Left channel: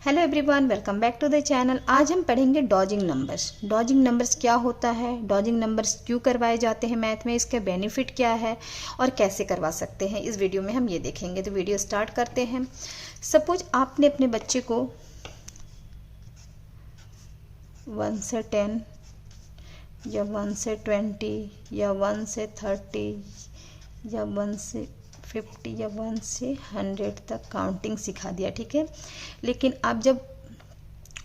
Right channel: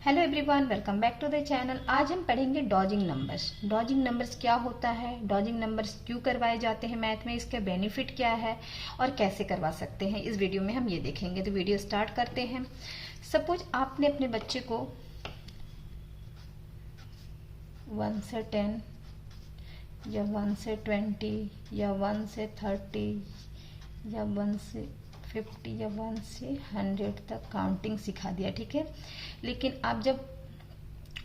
Hello everyone, welcome back to the channel. आज हम पढ़ेंगे डॉजिंग नंबर्स। डॉजिंग नंबर्स क्या होता है, डॉजिंग नंबर्स क्यों करवाए जाते हैं मैथ में, इसके बेनिफिट क्या है और कैसे करवा सकते हैं, इस वीडियो में हम ये देखेंगे। तो वीडियो स्टार्ट करते हैं। सपोज आपने अपने बच्चे को 1 से 10 या 1 से 20 या 1 से 30 या 1 से 50 या 1 से 100 तक काउंटिंग सिखा दिया, ठीक है। लेकिन आप जब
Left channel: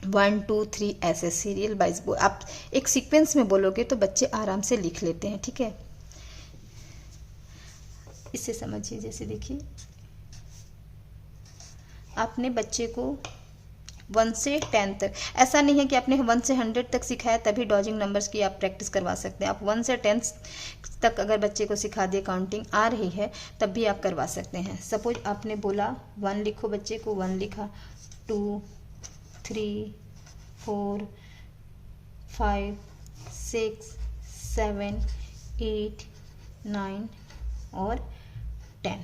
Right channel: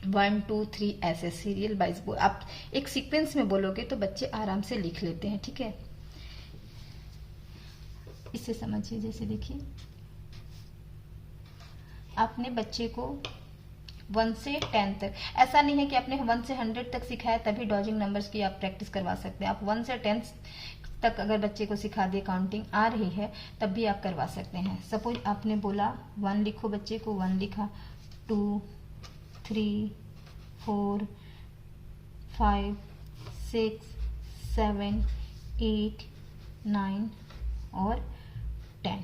1 2 3 ऐसे सीरियल वाइज आप एक सीक्वेंस में बोलोगे तो बच्चे आराम से लिख लेते हैं, ठीक है। इससे समझिए, जैसे देखिए आपने बच्चे को 1 से 10 तक, ऐसा नहीं है कि आपने 1 से 100 तक सिखाया तभी डॉजिंग नंबर्स की आप प्रैक्टिस करवा सकते हैं। आप 1 से 10 तक अगर बच्चे को सिखा दिए, काउंटिंग आ रही है तब भी आप करवा सकते हैं। सपोज आपने बोला 1 लिखो, बच्चे को 1 लिखा, 2 3 4 5 6 7 8 9 और 10।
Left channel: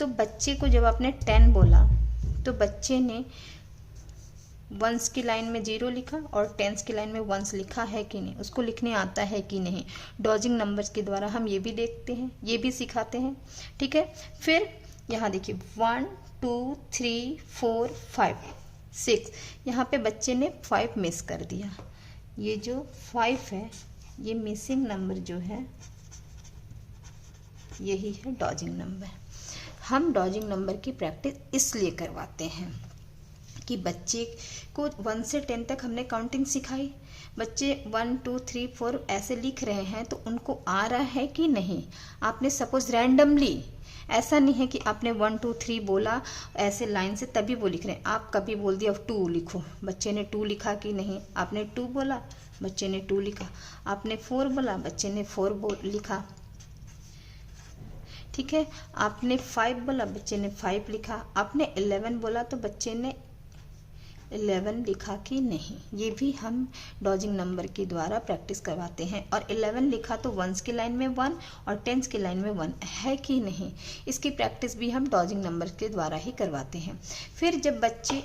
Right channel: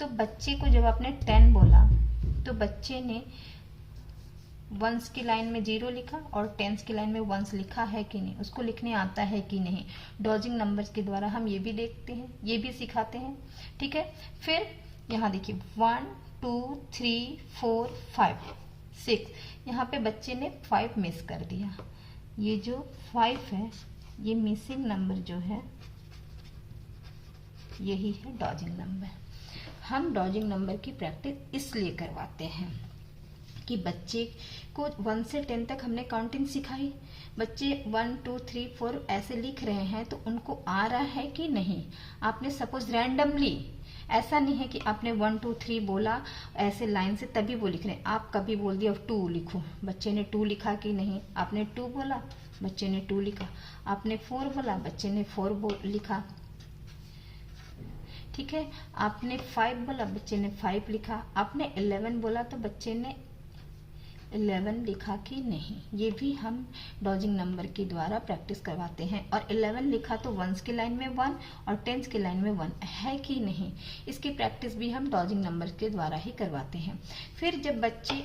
तो बच्चे को जब आपने 10 बोला तो बच्चे ने वंस की लाइन में 0 लिखा और टेंस की लाइन में वंस लिखा है कि नहीं, उसको लिखने आता है कि नहीं। डॉजिंग नंबर्स के द्वारा हम ये भी देखते हैं, ये भी सिखाते हैं, ठीक है। फिर यहाँ देखिए 1 2 3 4 5 6, यहाँ पे बच्चे ने 5 मिस कर दिया। ये जो 5 है, ये मिसिंग नंबर जो है यही है डॉजिंग नंबर। हम डॉजिंग नंबर की प्रैक्टिस इसलिए करवाते हैं कि बच्चे को 1 से 10 तक हमने काउंटिंग सिखाई, बच्चे 1 2 3 4 ऐसे लिख रहे हैं तो उनको आ रहा है कि नहीं। आपने सपोज रैंडमली, ऐसा नहीं है कि आपने 1 2 3 बोला ऐसे लाइन से तभी वो लिख रहे हैं। आप कभी बोल दिया 2 लिखो, बच्चे ने 2 लिखा कि नहीं। आपने 2 बोला, बच्चे ने 2 लिखा। आपने 4 बोला, बच्चे ने 4 लिखा, ठीक है। आपने 5 बोला, बच्चे ने 5 लिखा। आपने 11 बोला तो बच्चे ने 11 लिखा कि नहीं। ये भी हम डॉजिंग नंबर के द्वारा प्रैक्टिस करवाते हैं। और 11 लिखा तो वंस की लाइन में 1 और टेंस की लाइन में 1 है कि नहीं, इसकी प्रैक्टिस भी हम डॉजिंग नंबर के द्वारा ही करवाते हैं। फिर जब बच्चे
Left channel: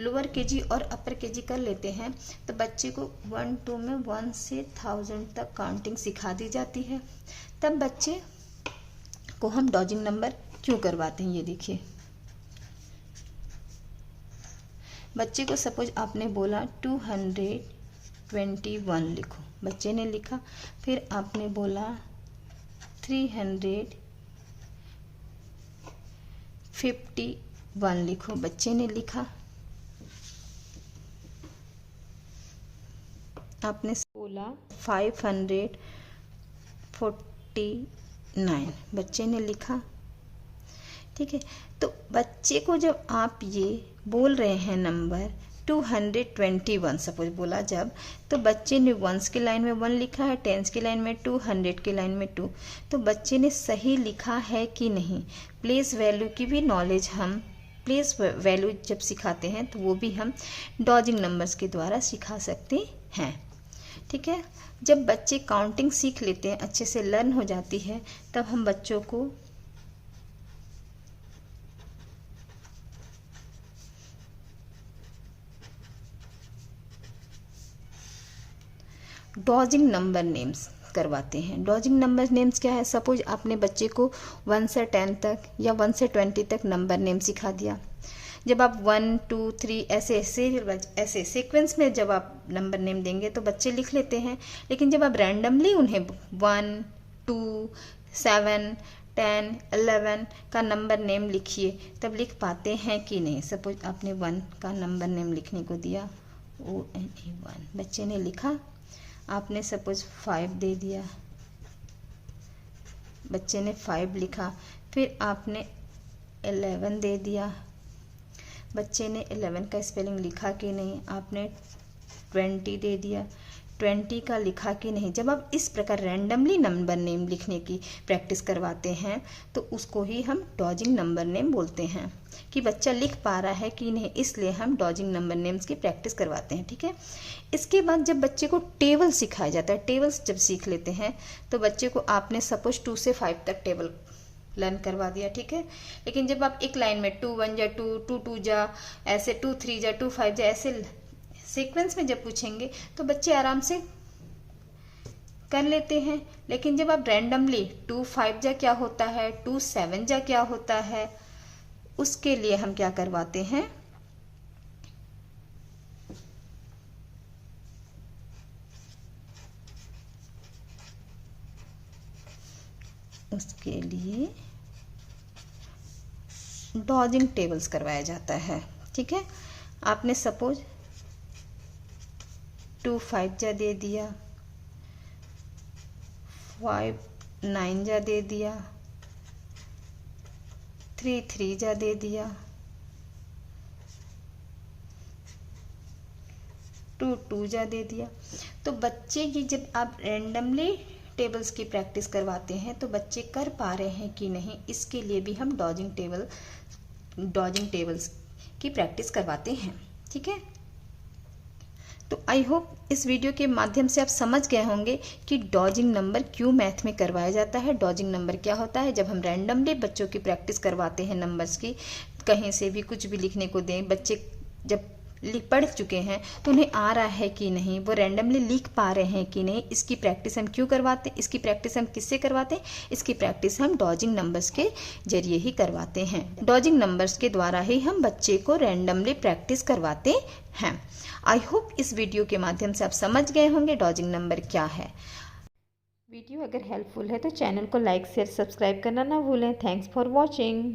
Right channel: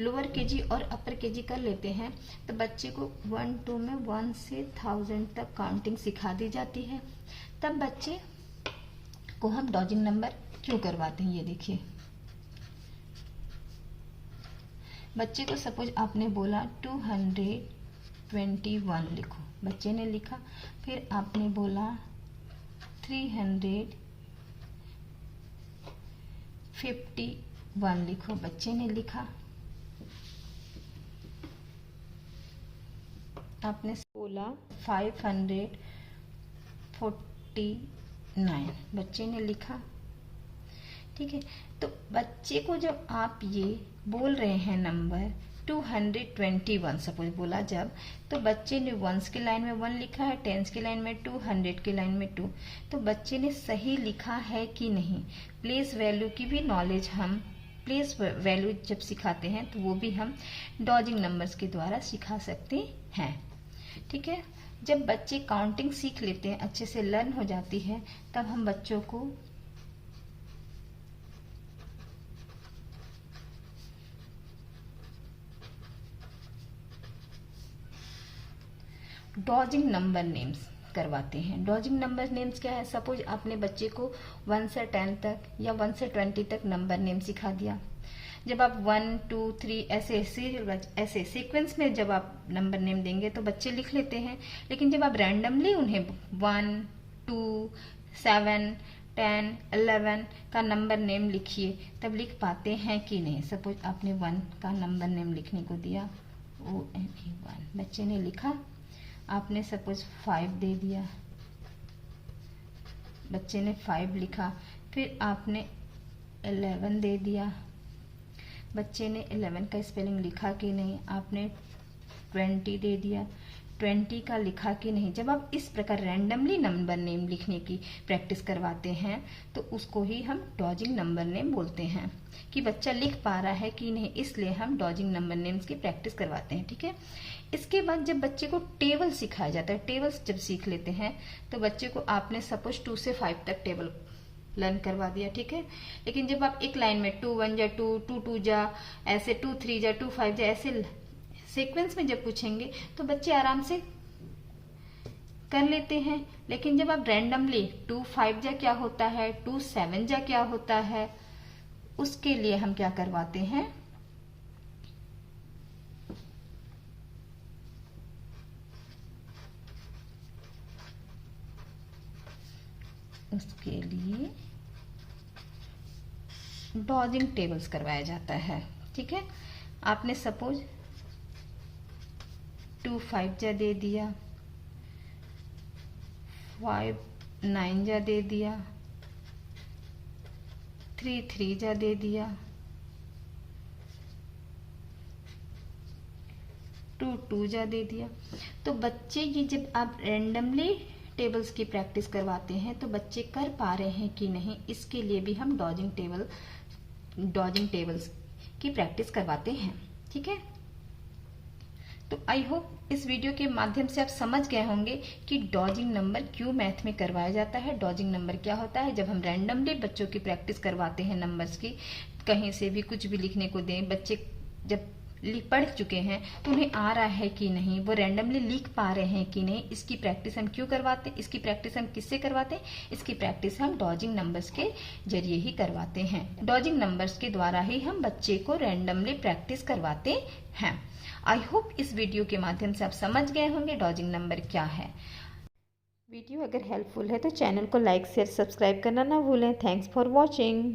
लोअर केजी और अपर केजी कर लेते हैं तो बच्चे को 1 2 में 1 से 1000 तक काउंटिंग सिखा दी जाती है। तब बच्चे को हम डॉजिंग नंबर क्यों करवाते हैं, ये देखिए। बच्चे को सपोज आपने बोला 221 लिखो, बच्चे ने लिखा। फिर आपने बोला 351 लिखो, बच्चे ने लिखा। आपने बोला 549, बच्चे ने लिखा, ठीक है। तो बच्चे को जब आप ये बोल रहे हैं नंबर 221 सपोज बोला जब, तो बच्चे ने वंस की लाइन में 1 लिखा है, टेंस की लाइन में 2, 100 की लाइन में 2, तो बच्चे ने सही लिखा है कि नहीं। प्लेस वैल्यू की भी नॉलेज हम, प्लेस वैल्यू जब सिखाते हैं तो वो भी हम डॉजिंग नंबर्स के द्वारा सिखा सकते हैं, ठीक है। जब बच्चे काउंटिंग सीख लेते हैं, अच्छे से लर्न हो जाती है, तब हम बच्चों को डॉजिंग नंबर नेम्स करवाते हैं। डॉजिंग नंबर नेम्स क्या है, सपोज आपने बच्चे को 1 से 10 तक या 1 से 20 तक नंबर नेम सिखा दिया। जब आप 1 2 3 ऐसे सीक्वेंस में जब आप नंबर नेम देंगे तो बच्चे लिख लेते हैं। लेकिन जब आप रैंडमली उन्हें 1 2 7 10 11 का नंबर नेम लिखिए, तब लिख पाते हैं कि नहीं। सपोज आपने 1 का नंबर नेम लिखने को दिया, ONE1, बच्चे ने लिखा। आपने सपोज 5 दे दिया, बच्चे ने 5 लिखा। फिर आपने 11 दे दिया, बच्चे ने 11 का स्पेलिंग लिखा कि नहीं। आपने 20 दे दिया, 20 का लिखा कि नहीं। जब आप इस प्रकार रैंडमली नंबर नेम लिखने की प्रैक्टिस करवाते हैं तो उसको ही हम डॉजिंग नंबर नेम बोलते हैं, कि बच्चा लिख पा रहा है कि नहीं, इसलिए हम डॉजिंग नंबर नेम्स की प्रैक्टिस करवाते हैं, ठीक है। इसके बाद जब बच्चे को टेबल सिखाया जाता है, टेबल्स जब सीख लेते हैं तो बच्चे को आपने सपोज 2 से 5 तक टेबल लर्न करवा दिया, ठीक है। लेकिन जब आप एक लाइन में 2 1 जा 2 2 2 जा, ऐसे 2 3 जा 2 5 जा, ऐसे सीक्वेंस में जब पूछेंगे तो बच्चे आराम से कर लेते हैं। लेकिन जब आप रैंडमली 2 5 जा क्या होता है, 2 7 जा क्या होता है, उसके लिए हम क्या करवाते हैं, उसके लिए डॉजिंग टेबल्स करवाया जाता है, ठीक है। आपने सपोज 2 5 जा दे दिया, 5 9 जा दे दिया, 3 3 जा दे दिया, 2 2 जा दे दिया। तो बच्चे की जब आप रैंडमली टेबल्स की प्रैक्टिस करवाते हैं तो बच्चे कर पा रहे हैं कि नहीं, इसके लिए भी हम डॉजिंग टेबल्स की प्रैक्टिस करवाते हैं, ठीक है। तो आई होप इस वीडियो के माध्यम से आप समझ गए होंगे कि डॉजिंग नंबर क्यों मैथ में करवाया जाता है। डॉजिंग नंबर क्या होता है, जब हम रैंडमली बच्चों की प्रैक्टिस करवाते हैं नंबर्स की, कहीं से भी कुछ भी लिखने को दें, बच्चे जब पढ़ चुके हैं तो उन्हें आ रहा है कि नहीं, वो रैंडमली लिख पा रहे हैं कि नहीं, इसकी प्रैक्टिस हम क्यों करवाते हैं, इसकी प्रैक्टिस हम किससे करवाते हैं, इसकी प्रैक्टिस हम डॉजिंग नंबर्स के जरिए ही करवाते हैं। डॉजिंग नंबर्स के द्वारा ही हम बच्चे को रैंडमली प्रैक्टिस करवाते हैं। आई होप इस वीडियो के माध्यम से आप समझ गए होंगे डॉजिंग नंबर क्या है। वीडियो अगर हेल्पफुल है तो चैनल को लाइक शेयर सब्सक्राइब करना ना भूलें। Thanks for watching.